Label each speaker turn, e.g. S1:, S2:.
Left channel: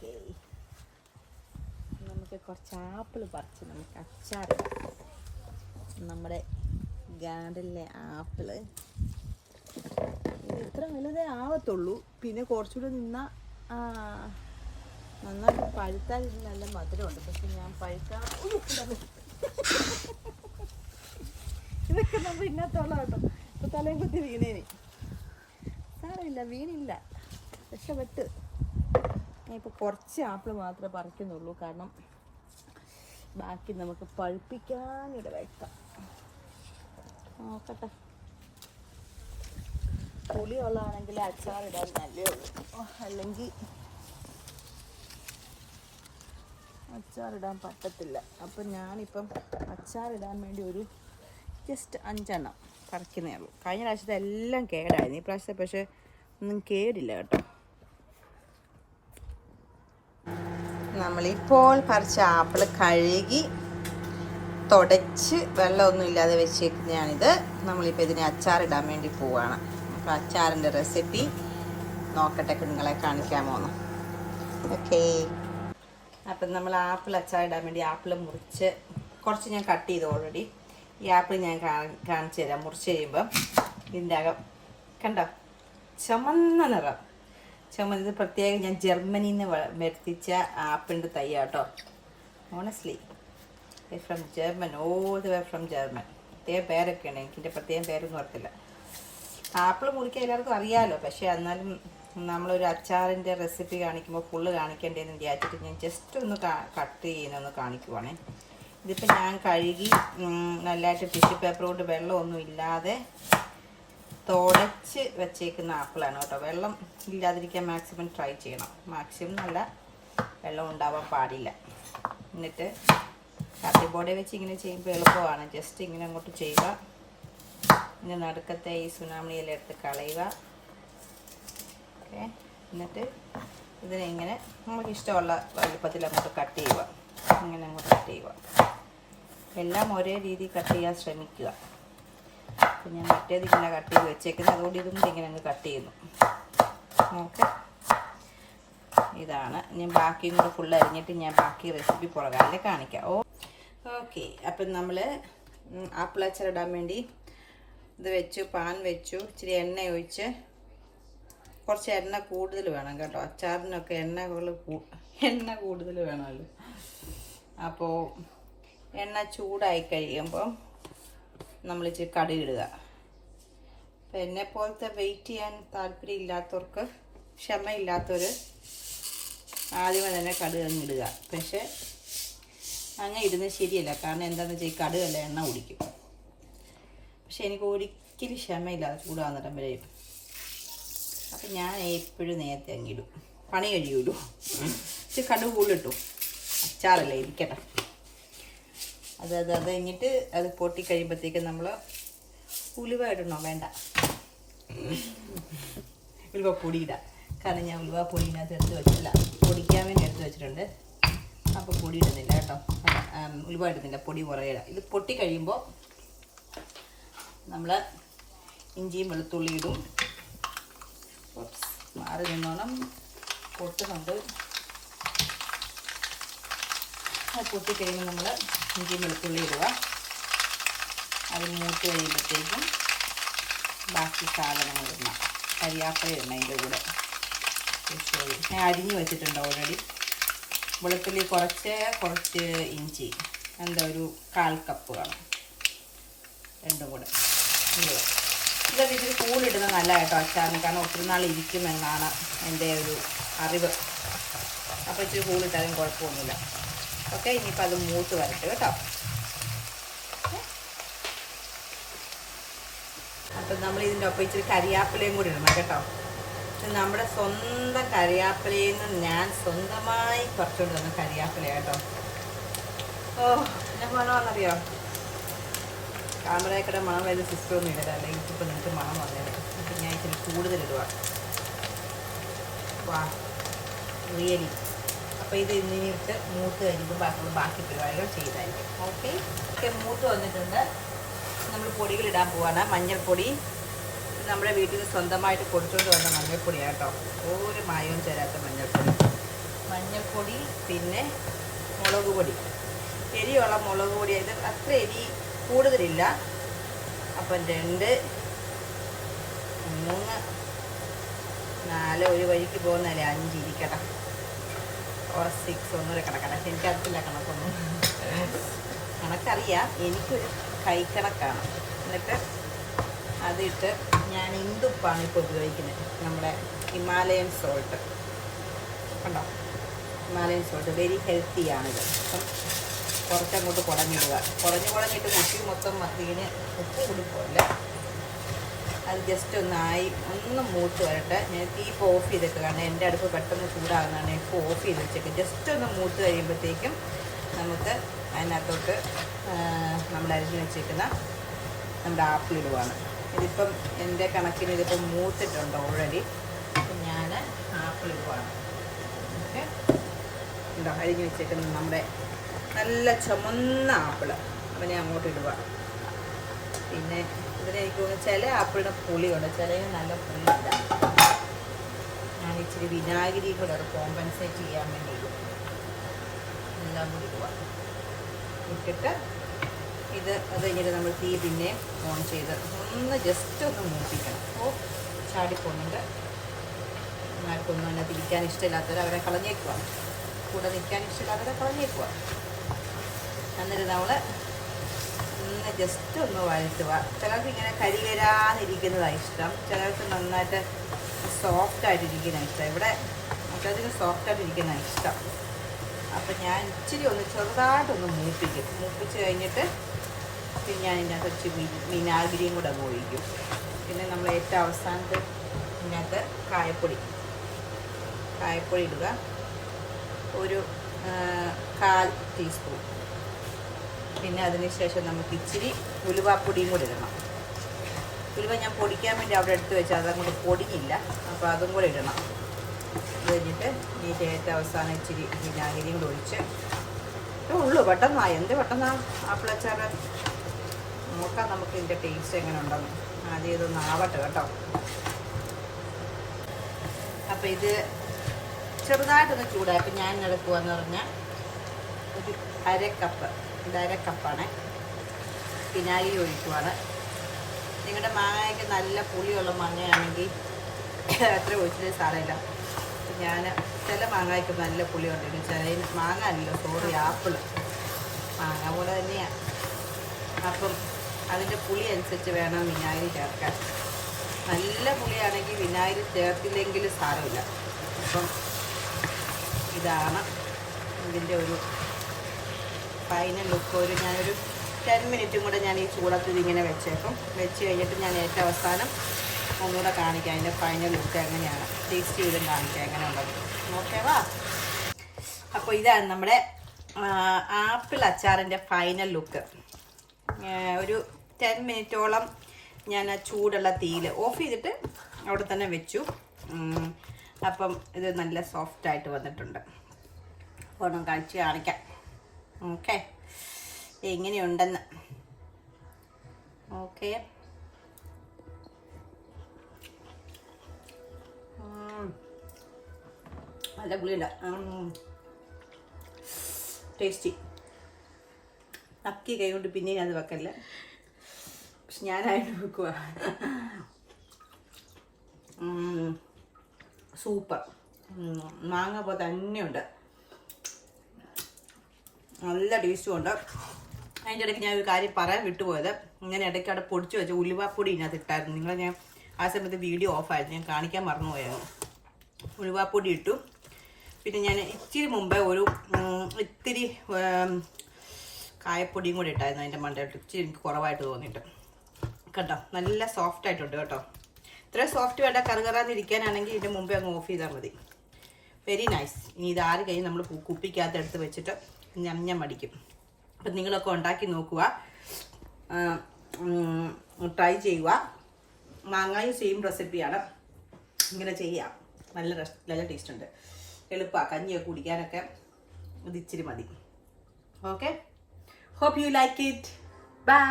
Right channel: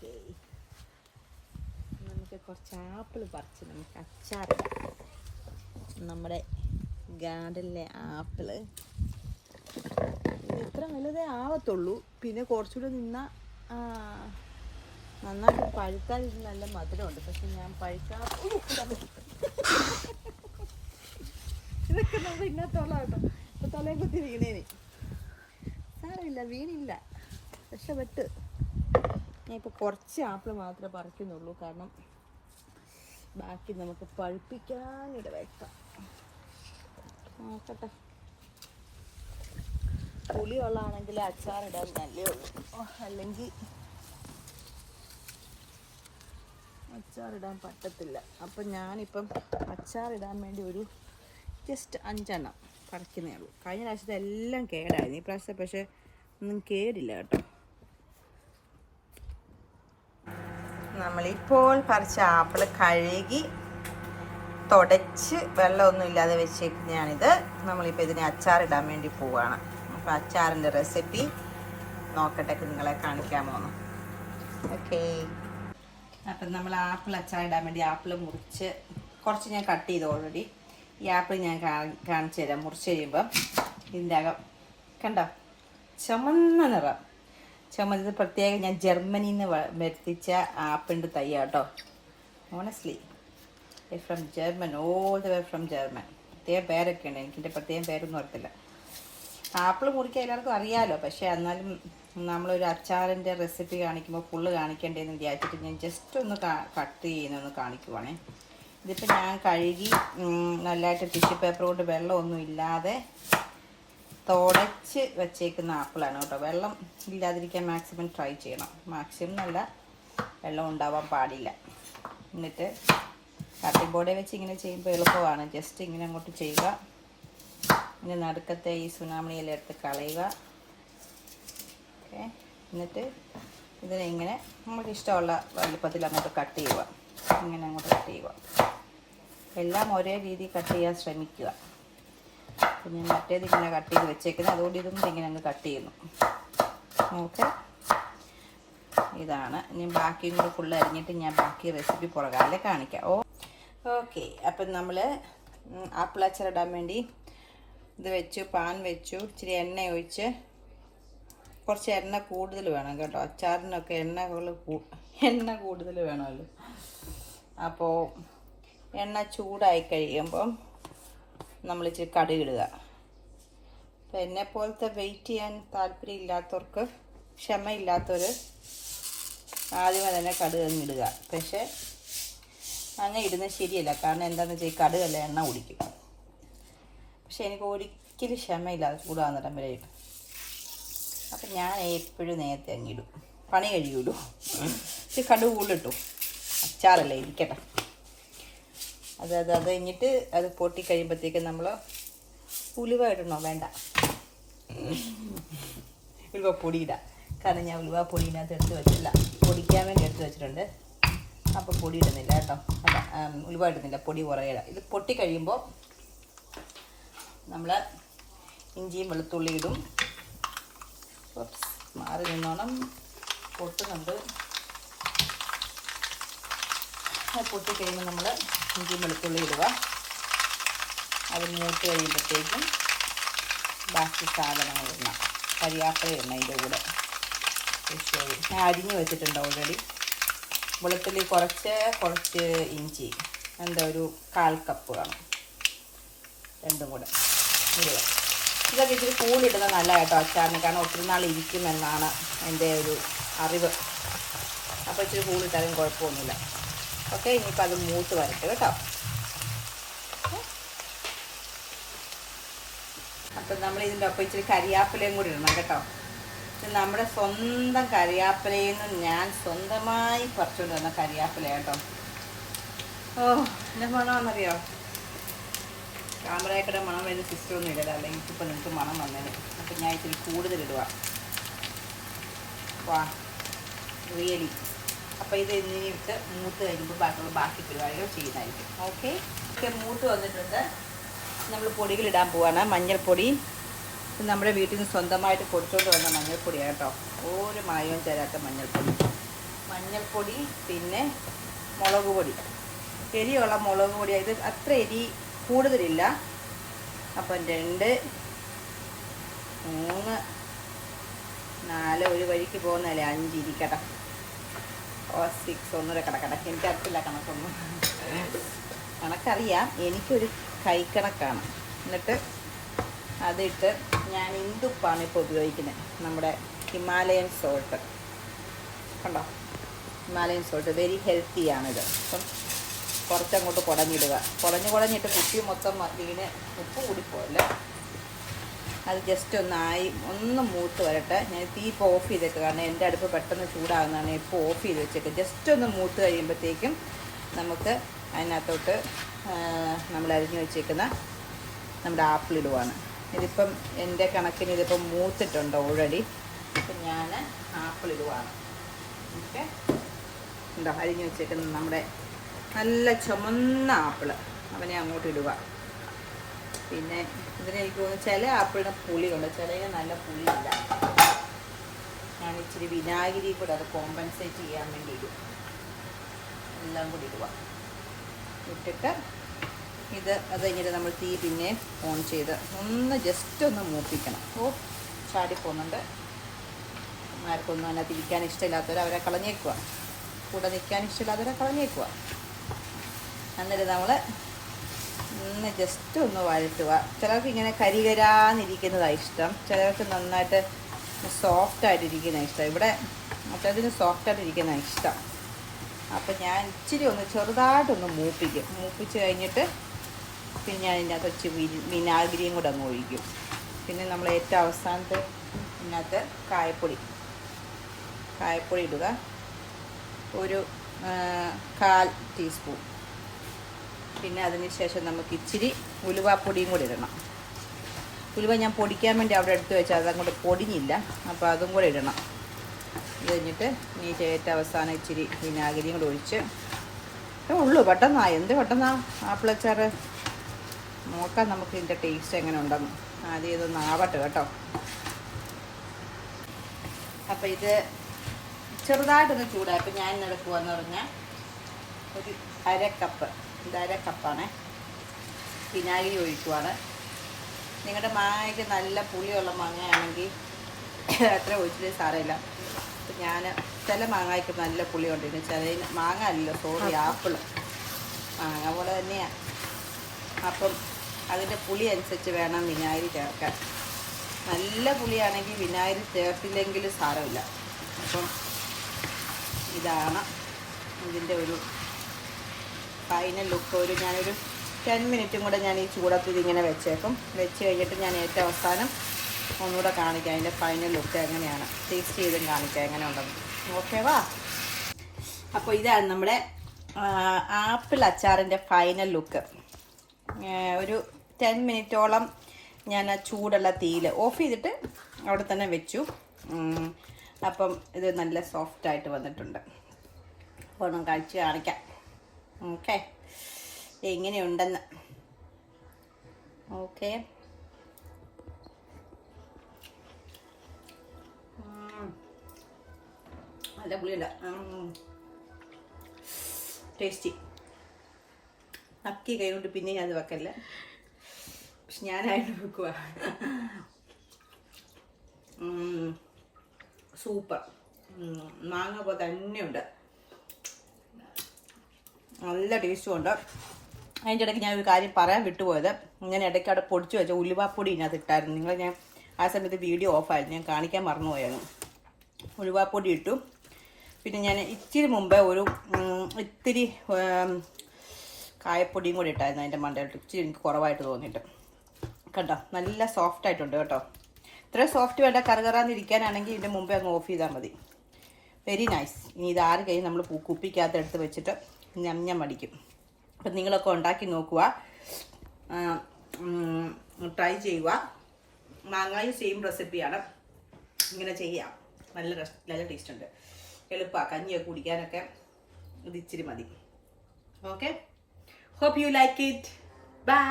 S1: Okay നമുക്ക് കുറച്ച് apple പറിച്ച് നമുക്ക് അച്ചാർ നമ്മുടെ ഗാർഡനിലെ ആപ്പിൾ. ഇത് ഇത്ര വലുതേ ആവത്തുള്ളൂ. പിന്നെ കുറച്ചുകൂടെ നിന്ന നന്നായിട്ട് പഴുത്താൽ നല്ല മധുരമുണ്ട്. പക്ഷെ ഞാൻ പഴുത്താ ഇതൊക്കെ നമ്മൾ ഇന്നത്തോളം കേട്ടോ ഇപ്പൊ തലയും കുത്തി വീണേനി. സാരമില്ല വീണില്ല. രക്ഷപ്പെട്ട് ഞാൻ ഇപ്പോൾ കുറച്ച് ആപ്പിൾ മാത്രമേ പറിക്കുന്നുള്ളൂ. കാരണം ബാക്കി നമുക്ക് പഴുപ്പിക്കാനിട വെക്കാം. നോക്കട്ടെ. പുളിയുള്ളതാണെങ്കിൽ അച്ചാറിടാൻ നല്ലേ ഉള്ളൂ. ഓ, അല്ലെങ്കിൽ അച്ചാറിടാൻ പറ്റത്തില്ല. അപ്പം ഞാനിപ്പം അച്ചാറിടാൻ വേണ്ടി ഒരു ജസ്റ്റ് അഞ്ചെണ്ണം പറിക്കുന്നേ ഉള്ളൂ. കഴിഞ്ഞ പ്രാവശ്യത്തെ എല്ലാം കേടായിരുന്നു ഈ പ്രാവശ്യത്തെ പക്ഷേ ഒന്നും കേടില്ല കേട്ടോ. നമ്മളിപ്പോൾ പറിച്ച ആപ്പിൾ കഴുകി തുടച്ച് വെള്ളമൊന്നും ഇല്ലാതെ വെച്ചേക്കുന്നതാണിത്. നമ്മളിപ്പോൾ ഇതിനെ അച്ചാറിടാൻ വേണ്ടി പോവുകയാണ് അപ്പോൾ അച്ചാറിന്റെ റെസിപ്പി നോക്കട്ടെ നിങ്ങളെ കാണിക്കാൻ പോകുന്നു ഓക്കേ. അപ്പം നമ്മൾ ആപ്പിൾ അച്ചാറിടാൻ വേണ്ടി ആപ്പിൾ മുറിച്ച് കുറച്ച് ഞാൻ കട്ട് ചെയ്തു ഓൾറെഡി ഈ ആപ്പിൾ ഞാൻ കാണിച്ചു തരാം. മുറിച്ച് കഴിയുമ്പം ഇതിന്റെ അകം കണ്ടോ? ചുമന്ന നിറം. ചുമന്നത് പ്രത്യേകം ഞാൻ ജർമ്മനിയിൽ നിന്ന് വരുത്തിച്ച ആപ്പിന്റെ തൈ കേട്ടോ honestly from German all the way from German പ്രത്യേകം പേരൊക്കെ ഉണ്ട് എനിക്കിന്റെ പ്രത്യേകം പേരൊന്നും അറിയത്തില്ല. ആപ്പിൾ മുറിക്കാൻ എല്ലാവർക്കും അറിയാമല്ലോ പക്ഷേ എന്നാലും നമ്മളൊരു അച്ചാറിന്റെ റെസിപ്പി കാണിക്കുമ്പോൾ ഫുള്ള് കാണിക്കേണ്ടതെന്ന് വിചാരിച്ചിട്ട് ഞാൻ ജസ്റ്റ് ഒന്ന് കട്ട് ചെയ്യുന്നൊന്ന് കാണിക്കുവാണേ. ഇതിപ്പോൾ ഞാൻ കഴുകി നല്ലതായിട്ട് ടിഷ്യൂ പേപ്പർ കൊണ്ട് വെള്ളമൊന്നും ഇല്ലാതെ തുടച്ച് വെച്ചേക്കുന്ന ആപ്പിളാണ് കേട്ടോ. വെള്ളം ഇല്ലാതിരിക്കാൻ മാക്സിമം ട്രൈ ചെയ്യണം. മാക്സിമം നല്ല വെള്ളം ഉണ്ടാവാൻ പാടില്ല. എന്നിട്ട് കട്ടി ബോർഡിൽ വെച്ച് ഇങ്ങനെ ചെയ്യുമ്പോൾ എളുപ്പമാണ്. ജസ്റ്റ് ഇങ്ങനെ അങ്ങോട്ട് ചെയ്യുക. ഇനി നടുക്കത്തെ ഈ സുനാമണിയെല്ലാം എടുത്ത് കളയുക. ഓക്കെ എന്നിട്ട് ഇതിനെ ഇങ്ങനെ നമുക്ക് ഇഷ്ടമുള്ള വലുപ്പത്തിൽ അങ്ങോട്ട് കട്ട് ചെയ്യുക. ഇങ്ങനെ അങ്ങോട്ട് കട്ട് ചെയ്യുക. എല്ലാം ഒരേ രീതിയിൽ കട്ട് ചെയ്യാൻ ശ്രമിക്കുക. അപ്പം ഞാൻ മറ്റേത് ഇങ്ങനെ കട്ട് ചെയ്ത് വെച്ചേക്കുന്നത്. അതുകൊണ്ട് ഇതും കൂടി ഇങ്ങനെ അങ്ങ് കട്ട് ചെയ്യുന്നു. ഓക്കെ. ഇതാണ്. ഞാൻ ബാക്കിയും കൂടെ ഫുള്ള് അരിഞ്ഞിട്ട് ഞാൻ ബാക്കി റെസിപ്പി പുറകാലെ കാണിക്കാം. ഓ. ഓക്കെ. അപ്പം നമ്മൾ ആപ്പിൾ അച്ചാറിടാൻ വേണ്ടി ഇത് വെച്ചു പാൻ വെച്ചു ഇച്ചിരി എണ്ണ ഒഴിച്ച് കുറച്ച് എണ്ണ കൂടുതൽ വേണം കേട്ടോ. അച്ചാറിനൊക്കെ എണ്ണകൾ എണ്ണ കൂടുതൽ വേണമല്ലോ. അപ്പോൾ എണ്ണ ചൂടായി കഴിയുമ്പം നമ്മൾ ഇച്ചിരി കടുകിടുക അപ്പം എന്നെ പോലത്തെ വെയിറ്റ് ചെയ്യാൻ താല്പര്യം ഇല്ലാത്തവർക്ക് ക്ഷമയില്ലാത്തവർ ആദ്യമേ തന്നെ കടുക് അങ്ങ് ഇടുക. പക്ഷേ അങ്ങനെ ഇടുന്നത് ശരിയല്ല. കാരണം എന്താണെന്ന് വെച്ചാൽ ഈ കടുകല്ല എണ്ണ കുടിക്കും. പക്ഷെ എനിക്ക് ഒരിക്കലും ക്ഷമയില്ലാതെ ചൂടാകുന്നിടം വരെ അപ്പം ഞാൻ എപ്പോഴും നേരത്തെ അങ്ങിടും പണി കഴിയൂടും പക്ഷെ കടുക് കൂടുതലിട്ടു. അച്ചാറല്ലേ ഇരിക്കട്ടെ. അത് അത് അത് കഴിഞ്ഞിട്ട് അത് പൊട്ടി കഴിയുമ്പോഴത്തേക്ക് നമ്മൾ ഉലുവ ഇടണോ? വേണ്ട. ഉലുവ പൊടിയിടാം. കാരണം ഞാൻ ഉലുവ പൊടിയിനകത്ത് എടുത്ത് വെച്ചില്ല. പൊടിക്കാൻ വേണ്ടി എടുത്ത് വെച്ചിട്ടുണ്ട്. അപ്പോൾ പൊടി ഇടുന്നില്ല കേട്ടോ. അല്ല ഉലുവ ഇടുന്നില്ല. പൊടി കുറേ ഇടാം ഇത് പൊട്ടി കഴിയുമ്പോൾ നമ്മൾ ഇഞ്ചിയും വെളുത്തുള്ളി ഇടും. മാറി നിന്നോണം. പൊട്ടുന്നുണ്ട്. പൊട്ടി കഴിയുമ്പോൾ നമ്മൾ ഇഞ്ചി വെളുത്തുള്ളി ഇടുക. അത് മൂത്ത് കഴിയുമ്പോഴത്തേക്കും ബാക്കി സാധനങ്ങൾ ഇടണം. കരിയാപ്പല ഇടണം അതിന്റെ കൂടെ. ശരി ഞാൻ അരിഞ്ഞ് വെച്ചിട്ടുണ്ട് ഓൾറെഡി വെളുത്തുള്ളി കുറച്ച് കുറച്ച് ഇഞ്ചി. എന്താ ഒരു കാൽ കപ്പ് വേണം. രണ്ടും കൂടെ. ഇതൊക്കെ ഇച്ചിരി കൂടിയിടുന്നത് നല്ല കേട്ടോ അച്ചാറിന്. കാരണം ഒത്തിരി നാൾ ഇരിക്കുമെന്നാണ് എന്റെ ഒരു അറിവ്. അപ്പോൾ ഇച്ചിരി കൂടിയിട്ടാലും കുഴപ്പമൊന്നുമില്ല. ഓക്കെ ഇനിയിപ്പോൾ അത് മൂത്ത് വരട്ടെ കേട്ടോ. അപ്പം നമ്മൾ ഇതിന്റെ ഒപ്പം ഇച്ചിരി കരിയാപ്പിലയും കൂടി ഇടണം കേട്ടോ. നമ്മുടെ സ്വന്തം കരിയാപ്പിലയിൽ നിന്ന് ഞാൻ സ്വന്തമായി കുറച്ചുകൊണ്ട് വന്ന കരിയാപ്പില കേട്ടോ. ഓ എന്റെ മണമെന്നറിയോ ക്യാമറയൊക്കെ മണം വരുന്ന സിസ്റ്ററൊന്നും ഇടരുത് അല്ലെങ്കിൽ ഇപ്പം നിങ്ങൾക്ക് മണം വന്നേനെ അപ്പം ഞാൻ ഇച്ചിരി കൂടുതലിടുക വാ റിയലി. അപ്പോൾ ഇത് എന്നിട്ട് മൂത്ത് കഴിയുമ്പോൾ ബാക്കിയുള്ള ബാക്കി പരിപാടികൾ ചെയ്തായിരിക്കും. ഓക്കെ ഒക്കെ മൂത്ത് വന്നിട്ടുണ്ട്. നമ്മൾ പൊടികൾ ഇടാൻ പോവാണ്. മഞ്ഞൾപ്പൊടി. നമ്മുടെ വീട്ടിൽ നിന്ന് സ്വന്തമായിട്ട് കൊടുത്തുകൊണ്ട് വന്ന മഞ്ഞൾപ്പൊടിയാണ് കേട്ടോ. ഒരു മായവും തരാത്ത മഞ്ഞൾപ്പൊടി. മഞ്ഞൾപ്പൊടി പിന്നെ മുളക് പൊടി. എരിയുള്ള മുളക് പൊടി. ഇത് അത്ര എരി കൂടുതലില്ല. അപ്പം രണ്ട് മൂന്ന് നാല് ഒരു വഴിക്ക് പോകുന്നതല്ലേ? അഞ്ച് ഇരിക്കട്ടെ. ഓ സിക്സ് ഒന്നുകൂടെ എനിക്ക് എനിക്കറിയില്ല കണക്കൊന്നും. കണക്കറിയാം. എനിക്കൊരു കൈക്കണക്കാണ്. എന്നിട്ട് അതിട്ട് ഞാൻ ഇന്ദുപ്പാണ് ഇപ്പോൾ ഉപയോഗിക്കുന്നത്. നമ്മുടെ ഹിമാലയൻ സോൾട്ട് കണ്ടോ? ഹിമാലയൻ സോൾട്ട് വെരി ഹെൽത്തിയാണിത് അപ്പം കുറച്ചങ്ങോട്ട് കുടഞ്ഞിടുക. കുടഞ്ഞ് കുടഞ്ഞിട്ട് കുട്ടി മൊത്തം ഇതിന് ഉപ്പ് കുടിപ്പോല്ല അത് ജസ്റ്റ് ഒന്നായി ഒന്ന് മൂട്ട് വരട്ടെ. ഞാൻ തീ ഇപ്പോൾ ഓഫ് ചെയ്തേക്ക് കാരണം എന്റെ അടുപ്പ് പെട്ടെന്ന് ചൂടാകുന്നതാണ്. ഇപ്പോൾ ഓഫ് ചെയ്ത് വെച്ചിട്ട് ജസ്റ്റ് ഒന്ന് മൂട്ട് കഴിയുമ്പോഴത്തേക്കും നമുക്ക് അതിനകത്തോട്ട് നമ്മൾ അരിഞ്ഞ് വെച്ചേക്കുന്ന നമ്മുടെ ആപ്പിൾ ഇടുവാണ്. ഇതിപ്പം എന്റെ കണക്കിന് ഇതിപ്പം മൂത്തിട്ടുണ്ട് ഓൾറെഡി അപ്പം ഞാൻ ആപ്പിൾ ഇടുവാണ്. ഓക്കെ ഉണ്ടോ അരിഞ്ഞ് വെച്ചേക്കുന്ന നമ്മുടെ നല്ല ചുമന്ന ആപ്പിൾ അവനെ അങ്ങോട്ട് ഇടുക. പിന്നെ ഇതിന് എനിക്ക് തോന്നുന്നു ചില ആപ്പിളിന് പുളിയുണ്ട്. ചിലതിന് നല്ല പുളിയില്ല. ഞാൻ ഇച്ചിരി വിനാഗിരി കൂടെ അത് കോമ്പൻസേറ്റ് ചെയ്യാൻ വേണ്ടി എല്ലാം കൂടി ഇട്ടിട്ട് ഇത് അത് കഴിഞ്ഞിട്ട് നമ്മൾ തീ പിന്നെ ഓൺ ചെയ്ത് ഒന്ന് ജസ്റ്റ് ഒന്ന് മൂപ്പിക്കണം. ഓ ചാടി പോകുന്നുണ്ട് ആർക്കൊന്നും അതിനകത്ത് ഇരിക്കാൻ ഇഷ്ടമില്ലാത്തവർ അവരെ കളഞ്ഞേക്കുക കൂടെ നിൽക്കാൻ ഇഷ്ടമില്ലാത്തവരെ കളഞ്ഞേക്കുക എന്നിട്ട് നമ്മൾ ഒന്ന് ജസ്റ്റ് ഒന്ന് വഴറ്റുക. ചിലർക്ക് ഇങ്ങനെ കരികരാന്നിരിക്കുന്നതാണ് ഇഷ്ടം. ചിലർക്ക് നന്നായിട്ട് സോഫ്റ്റ് ആയിട്ടിരിക്കുന്ന ഇഷ്ടം. ഇവിടെ മറ്റതിന് സോഫ്റ്റ് ആയിട്ടിരിക്കുന്ന ഇഷ്ടം. അപ്പം ഞാൻ ഇച്ചിരി ഒന്ന് ചെറുതായിട്ടൊന്ന് മൂപ്പിക്കും. മൂപ്പിച്ച് കഴിഞ്ഞിട്ട് പിന്നെ ഞാൻ ഇതിനെ കുറച്ച് വിനാഗിരിയും കൂടെ അങ്ങ് ഒഴിക്കും. പിന്നെ നമ്മൾ ഏറ്റവും അവസാനത്ത് ഇതിനകത്ത് കായപ്പൊടി. കായപ്പൊടി ഇടുക. ഒരു കാൽ ടീസ്പൂൺ. പിന്നെ അതിനുശേഷം നമുക്ക് ഇച്ചിരി ഉലുവാപ്പൊടിയും കൂടി ഇടണം. ഉലുവ ഞാൻ പൊടിക്കാൻ വേണ്ടി അവിടെ എടുത്ത് വെച്ചാൽ അതങ്ങോട്ട് പൊടിഞ്ഞില്ല. അപ്പോൾ അതും കൂടി ഇടണം. ഇത് കഴിഞ്ഞിട്ട് ഈ ചേറ്റ അവസാനം ഇച്ചിരി വിനാഗിരിയും കൂടി ഒഴിച്ച്. ഉള്ളു പെട്ടെന്നാ. എന്ത് പെട്ടെന്നാ ആപ്പിളച്ചാറ്? നോക്കാം നമുക്ക് ഇതിന്റെ ടേസ്റ്റ് എങ്ങനെ ഉണ്ടെന്ന് ആദ്യം ഇതൊന്ന് ആവട്ടെ കേട്ടോ. അപ്പം ഇത് ചെറുതായിട്ടൊന്ന് ചൂടായി അപ്പം ഞാൻ എടുക്കുവാന്ന് പറഞ്ഞാൽ ഒരു അര കപ്പ് ഇത് അര കപ്പാണ്. വിനാഗിരി ഒഴിക്കുവാണ്. നിങ്ങളുടെ മാങ്ങയ്ക്ക് നല്ല പുളിയുള്ള മാങ്ങയാണെങ്കിൽ അത്ര ഒഴിച്ചിട്ട് സാരമില്ല. ഞാൻ ചില മാങ്ങയ്ക്ക് നല്ല പുളിയുണ്ട്. ചില മാങ്ങ അല്ലല്ലോ സോറി ആപ്പിൾ മാങ്ങ പോലെ തന്നെയാണ് അപ്പം അതിന്റെ പുളി അനുസരിച്ച് വേണം വിനാഗിരി ചേർക്കാൻ. നല്ല പുളിയാണെങ്കിൽ വിനാഗിരി ചേർത്തില്ലെങ്കിലും സാരമില്ല. അപ്പം ഇതാണ് ഇതിന്റെ ഒരു ഫൈനൽ ലുക്ക് ഒരു ഞാനൊരു ടെൻ മിനിറ്റും കൂടെ ഞാൻ ഈ ചൂടത്തിൽ ഇങ്ങനെ വെച്ചേക്കും. വെച്ച് കഴിഞ്ഞിട്ട് ഞാൻ ഏറ്റവും അവസാനം ഒന്നുകൂടെ കാണിക്കാം. അതിന്റെ ഫൈനൽ ലുക്ക് എങ്ങനെയാണ്. ടേസ്റ്റ് ചെയ്തും കാണിക്കാം എങ്ങനെ ഉണ്ടെന്ന് ഓക്കേവാ അപ്പോൾ ഇതാണ് നമ്മുടെ ആപ്പിൾ അച്ചാറിന്റെ ഫൈനൽ ലുക്ക് ഒരു ടെൻ മിനിറ്റോളം ഞാൻ ചൂടുള്ള തീയിൽ ഓഫ് ചെയ്തിട്ട് അവിടെ തന്നെ വെച്ചു. അപ്പം ഇത് നല്ല സോഫ്റ്റായിട്ട് വന്നിട്ടുണ്ട്. അപ്പോൾ ഒന്ന് കഴിച്ച് കാണിക്കാം. ഓക്കെ എങ്ങനെയുണ്ടെന്ന് ഓക്കെ നല്ല പുളിയല്ല ടേസ്റ്റി നക്കി കൈ കൊണ്ട് പിന്നെ ഞാൻ അത് വെക്കല്ല? പക്ഷെ ഞാനായിട്ട് വെക്കുക സൂപ്പർ മാങ്ങ പോലെ തന്നെയുണ്ട്. നല്ല ടേസ്റ്റും ഉണ്ട്. അതിന്റെ ഇടയ്ക്ക് ഞാൻ ഒരു കാര്യം പറയാൻ വിട്ടുപോയത്. ഞാൻ ഇടയ്ക്ക് അവിടെ പൊടിച്ചു വെച്ച ഉലുവാപ്പൊടി ഇതിനകത്ത് ഇട്ടായിരുന്നു. നിങ്ങൾ ഞാൻ ആ സമയത്ത് വീഡിയോ ഓഫായിരുന്നു ഞാൻ കാണിക്കാൻ മറന്നുപോയായിരുന്നു. ഉലുവാപ്പൊടി ഇട്ടു. പിന്നെ ഞാൻ ഇച്ചിരി മുമ്പേ ഒരു ഇത്തിരി കായപ്പൊടിയും കൂടി ഇട്ടായിരുന്നു അതിന്റെ മണ്ടയിട്ട് ഇച്ചിരി എനിക്ക് കുറവായിട്ട് തോന്നിയിട്ട്. കണ്ടോ? നല്ല സോഫ്റ്റ് ആയിട്ടുണ്ട് കേട്ടോ. ഇത്ര സോഫ്റ്റ് വേണ്ട കറുകറാന്നിരിക്കാനാണെങ്കിൽ ഇതിന്റെ മുമ്പേ അങ്ങ് ഓഫ് ചെയ്താൽ മതി. വെരി നൈസ് ഇനി ഇത് ആറ് കഴിഞ്ഞ് നമ്മൾ കുപ്പിക്കകത്ത് എടുത്ത് വെച്ചിട്ട് ഞഞ്ഞം അടിക്കും. അപ്പം നിങ്ങളൊക്കെ ഉണ്ടാക്കി നോക്കുക. ട്രൈ ചെയ്യുക. മാങ്ങായും സെയിം റെസിപ്പിയാണ് ഇങ്ങനെ ചെയ്യാം. നല്ല നല്ല ടേസ്റ്റ് ഉണ്ട്. എളുപ്പമാണ് കഞ്ഞിയൊക്കെ കുടിക്കാനൊക്കെ ഇത് ഇച്ചിരി മതി. Okay hope you like it bye